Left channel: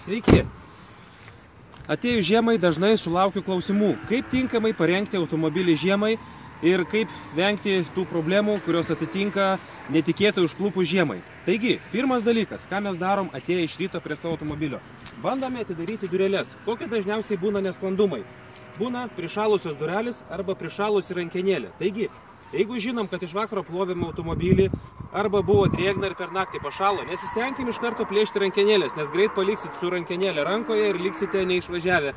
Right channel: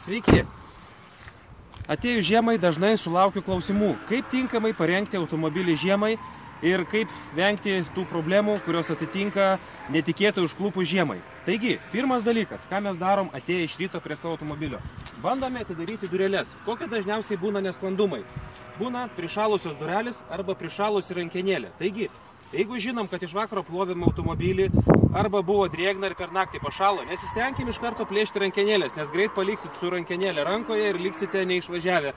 Sveiki! Atėjus žiemai dažnai sulaukiu klausimų, kaip tinkamai parengti automobilį žiemai ir kaip vengti tų problemų, kurios atsitinka netikėtai užklupus žiemai. Taigi, pirmas dalykas, ką mes darom atėję iš ryto prie savo automobilio. Bandome atidaryti dureles. Kokie dažniausiai būna nesklandumai? Būna prišalusios durelės arba prišalusi rankenėlė. Taigi, jeigu žinom, kad iš vakaro plovėme automobilį arba buvo drėgna ir per naktį pašalo, nesistengim iš karto plėšti rankenėlės, nes greit paliksit su rankenėlė rankoje ir liksite neišvažiavę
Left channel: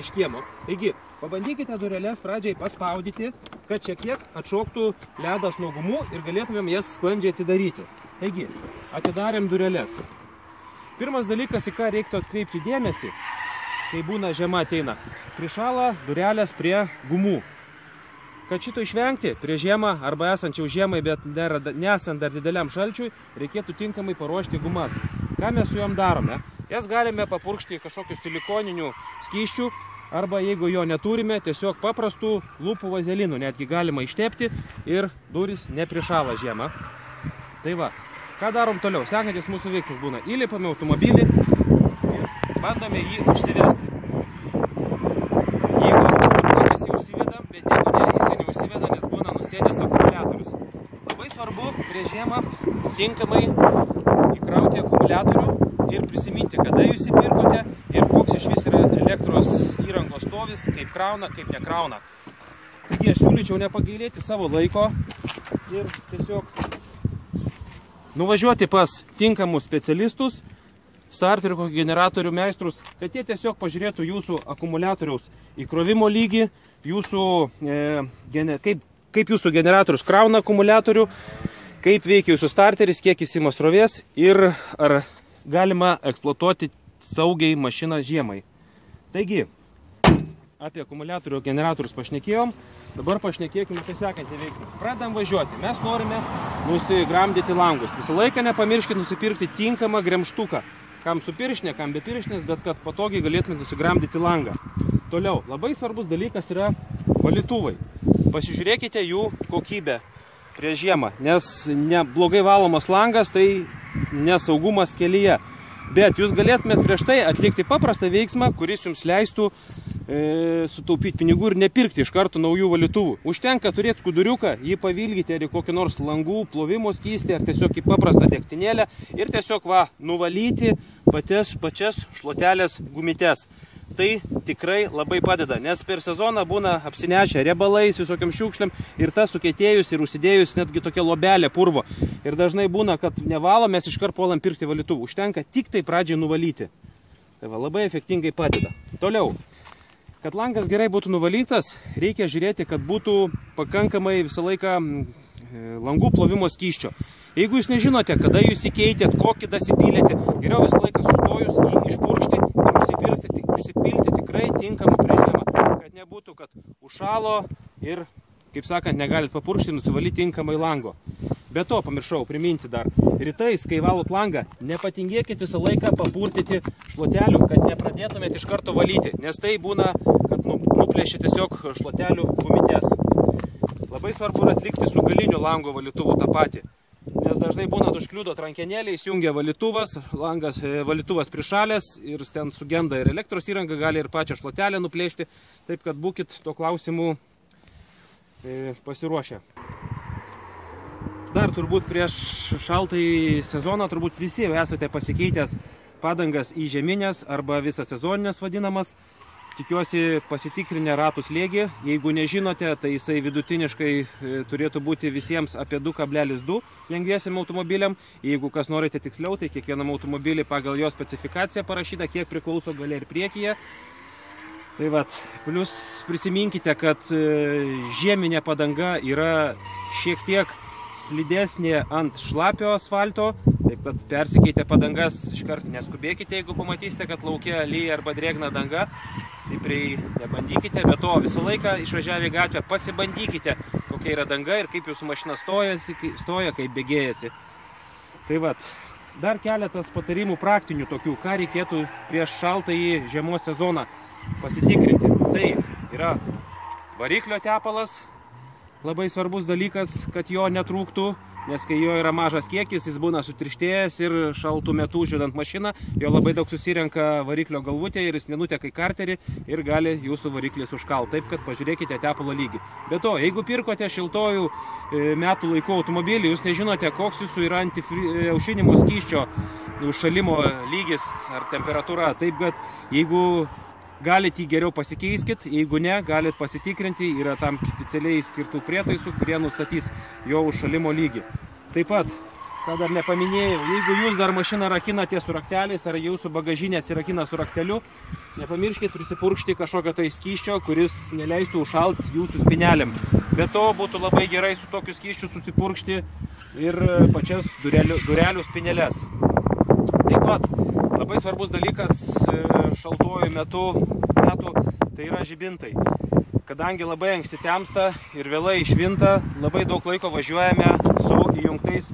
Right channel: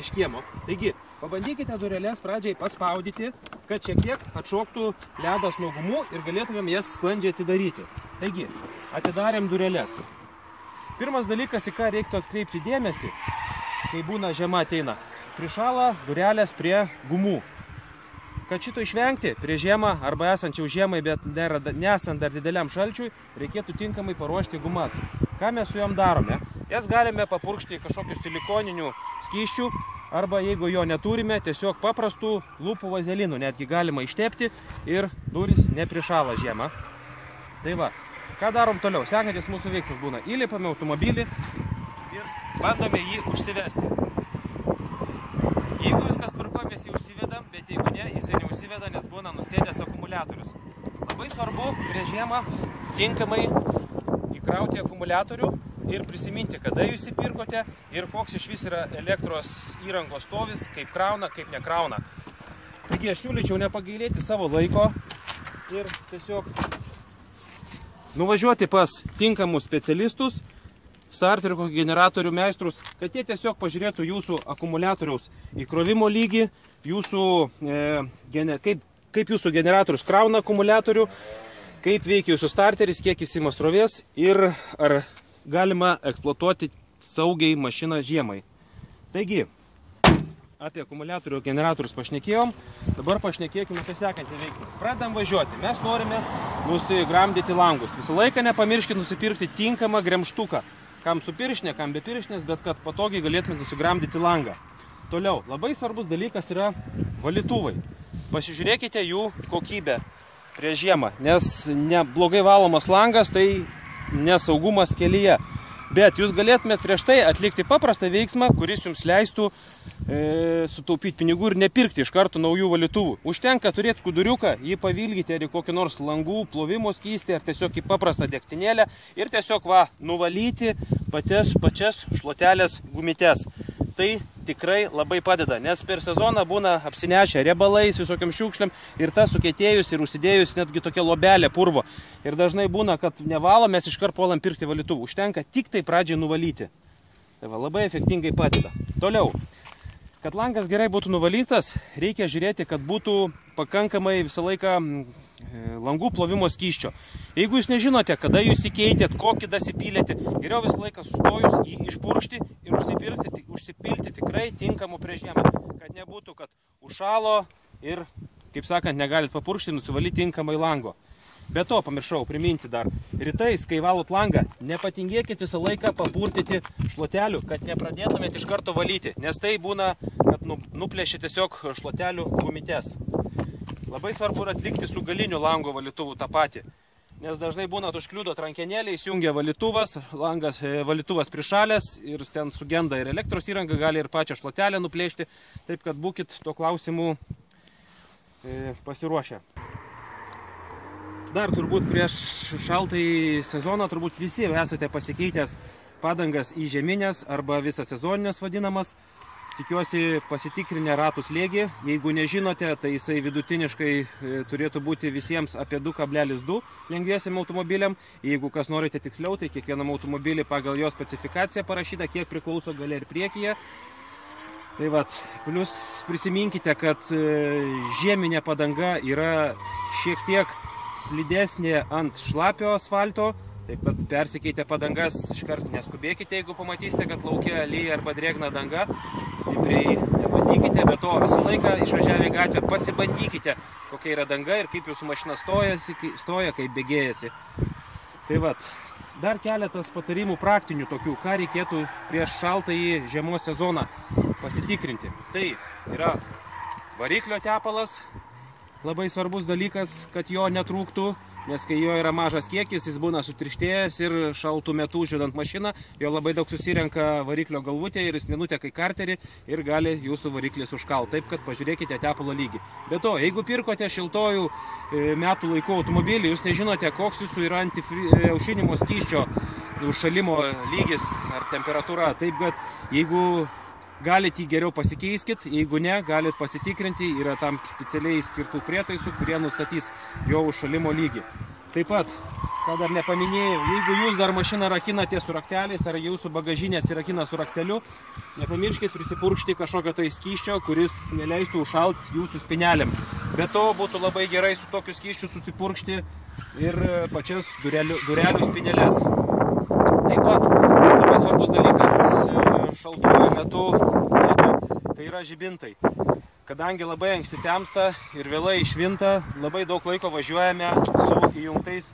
iš kiemo. Taigi, pabandykite dureles pradžiai paspaudyti, kad šiek tiek atšoktų ledas nuo gumų ir galėtumėm jas sklandžiai atidaryti. Taigi, atidarėm dureles. Pirmas dalykas, į ką reiktų atkreipti dėmesį, kai būna žiema ateina, prišala durelės prie gumų. Kad šito išvengti, prie žiemą arba esančiau žiemai, bet nesant dar dideliam šalčiui, reikėtų tinkamai paruošti gumas. Ką mes su jom darome? Jas galime papurkšti kažkokiu silikoniniu skysčiu, arba jeigu jo neturime, tiesiog paprastų lūpų vazelinų, netgi galima ištepti ir durys neprišala žiemą. Tai va, ką darom toliau? Sekantis mūsų veiksmas būna, įlipame automobilį ir bandome jį užsivesti. Jeigu viskas tvarko, mes jį užsivedam, bet jeigu ne, jis neužsiveda, nes būna nusėdęs akumuliatorius. Labai svarbu prieš žiemą tinkamai įkrauti akumuliatorių ir prisiminti, kada jūs įpirkote ir koks iš vis yra elektros įrangos stovis, kaip krauna, kaip nekrauna. Taigi aš siūlyčiau nepagailėti savo laiko ir tiesiog nuvažiuoti pas tinkamus specialistus, starterių kokį generatorių meistrus, kad jie tiesiog pažiūrėtų jūsų akumuliatoriaus įkrovimo lygį, jūsų, kaip jūsų generatorius krauna akumuliatorių, kaip veikia jūsų starteris, kiek jis ima srovės ir ar galima eksploatuoti saugiai mašiną žiemai. Taigi, apie akumuliatorių generatorius pašnekėjom, dabar pašnekėkime apie sekantį veiksmą. Pradedam važiuoti. Mes norime nusigramdyti langus. Visą laiką nepamirškite nusipirkti tinkamą gremžtuką. Kam su pirštinė, kam be pirštinės, bet kad patogiai galėtumėte nusigramdyti langą. Toliau, labai svarbus dalykas yra valytuvai. Pasižiūrėkite jų kokybę prieš žiemą, nes neblogai valomas langas tai nesaugumas kelyje. Bet jūs galėtumėte prieš tai atlikti paprastą veiksmą, kuris jums leistų sutaupyti pinigų ir nepirkti iš karto naujų valytuvų. Užtenka turėti skuduriuką, jį pavilgyti ar į kokį nors langų plovimo skystį, ar tiesiog į paprastą degtinėlę ir tiesiog nuvalyti pačias šluotelės gumitės. Tai tikrai labai padeda, nes per sezoną būna apsinešę riebalais, visokiam šiukšliam ir tas sukietėjus ir užsidėjus netgi tokia lobelė purvo. Ir dažnai būna, kad nevalo, mes iškart puolam pirkti valytuvų. Užtenka tik tai pradžiai nuvalyti. Tai labai efektingai padeda. Toliau. Kad langas gerai būtų nuvalytas, reikia žiūrėti, kad būtų pakankamai visą laiką langų plovimo skysčio. Jeigu jūs nežinote, kada jūs įkeitėt, kokį dasipylėte, geriau visą laiką sustojus jį išpurkšti ir užsipilti tikrai tinkamą prieš žiemą, kad nebūtų, kad užšalo ir, kaip sakant, negalit papurkšti, nusivalyti tinkamai lango. Be to, pamiršau priminti dar, rytais, kai valot langą, nepatingėkit visą laiką papurtyti šluotelių, kad nepradėtumėt iš karto valyti, nes tai būna, kad nuplėšia tiesiog šluotelių gumitės. Labai svarbu yra atlikti su galiniu lango valytuvu tą patį, nes dažnai būna užkliudo rankenėlė, įsijungia valytuvas, valytuvas prišalęs ir ten sugenda ir elektros įranga, gali ir pačią šluotelę nuplėšti, taip kad būkit to klausimų pasiruošę. Dar turbūt prieš šaltąjį sezoną turbūt visi esate pasikeitęs padangas į žieminės arba visą sezoninės vadinamas. Tikiuosi pasitikrinę ratų slėgį. Jeigu nežinote, tai jisai vidutiniškai turėtų būti visiems apie 2,2 lengviesiam automobiliam. Jeigu kas norite tiksliau, tai kiekvienam automobilį pagal jo specifikaciją parašyta, kiek priklauso gale ir priekyje. Tai vat, plus prisiminkite, kad žieminė padanga yra šiek tiek slidesnė ant šlapio asfalto, taip pat persikeitę padangas iškart neskubėkite, jeigu pamatysite, kad laukia lyja arba drėgna danga, stipriai nebandykite, bet to visą laiką išvažiavę į gatvę pasibandykite, kokia yra danga ir kaip jūsų mašina stoja, kaip bėgėjasi. Tai vat, dar keletas patarimų praktinių tokių, ką reikėtų prieš šaltąjį žiemos sezoną pasitikrinti. Tai yra variklio tepalas, labai svarbus dalykas, kad jo netrūktų, nes kai jo yra mažas kiekis, jis būna sutirštėjęs ir šaltų metų užvedant mašiną, jo labai daug susirenka variklio galvutė ir jis nenuteka į karterį ir gali jūsų variklis užkalti. Taip, kad pažiūrėkite tepalo lygį. Be to, jeigu pirkote šiltojų metų laikų automobilį, jūs nežinote, koks jūsų yra aušinimo skysčio užšalimo lygis ar temperatūra. Taip, kad jeigu galite jį geriau pasikeiskit, jeigu ne, galite pasitikrinti, yra tam specialiai skirtų prietaisų, kurie nustatys jo užšalimo lygį. Taip pat, ką dar nepaminėjau, jeigu jūs dar mašiną rakinate su rakteliais ar jūsų bagažinė atsirakina su rakteliu, nepamirškit prisipurkšti kažkokio tai skysčio, kuris neleistų užšalti jūsų spynelėm. Be to, būtų labai gerai su tokiu skysčiu susipurkšti ir pačias durelių spynelės. Taip pat, labai svarbus dalykas šaltuoju metu, tai yra žibintai. Kadangi labai anksti temsta ir vėlai išvinta, labai daug laiko važiuojame su įjungtais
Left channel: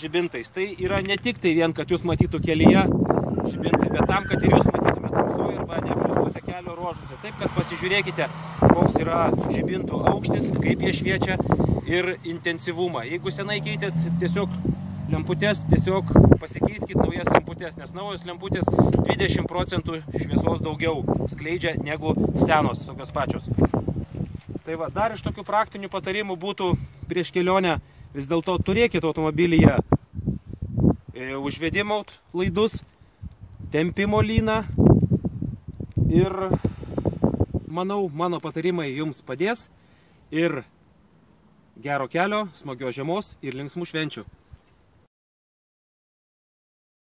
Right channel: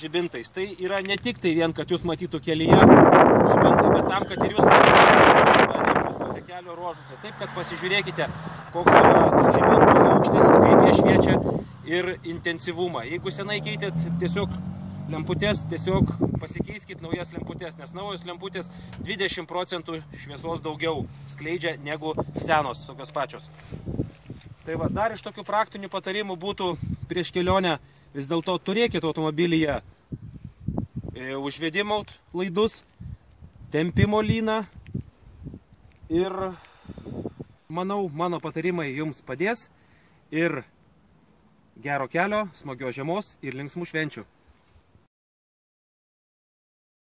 žibintais. Tai yra ne tik tai vien, kad jūs matytų kelyje žibintai, bet tam, kad ir jūs matytų kelio ruožuose. Taip, kad pasižiūrėkite, koks yra žibintų aukštis, kaip jie šviečia ir intensyvumą. Jeigu senai keitėt tiesiog lemputės, tiesiog pasikeiskit naujas lemputės, nes naujos lemputės 20% šviesos daugiau skleidžia negu senos, tokios pačios. Tai va, dar iš tokių praktinių patarimų būtų prieš kelionę vis dėlto turėkit automobilyje užvedimo laidus, tempimo lyną ir manau, mano patarimai jums padės ir gero kelio, smagios žiemos ir linksmų švenčių.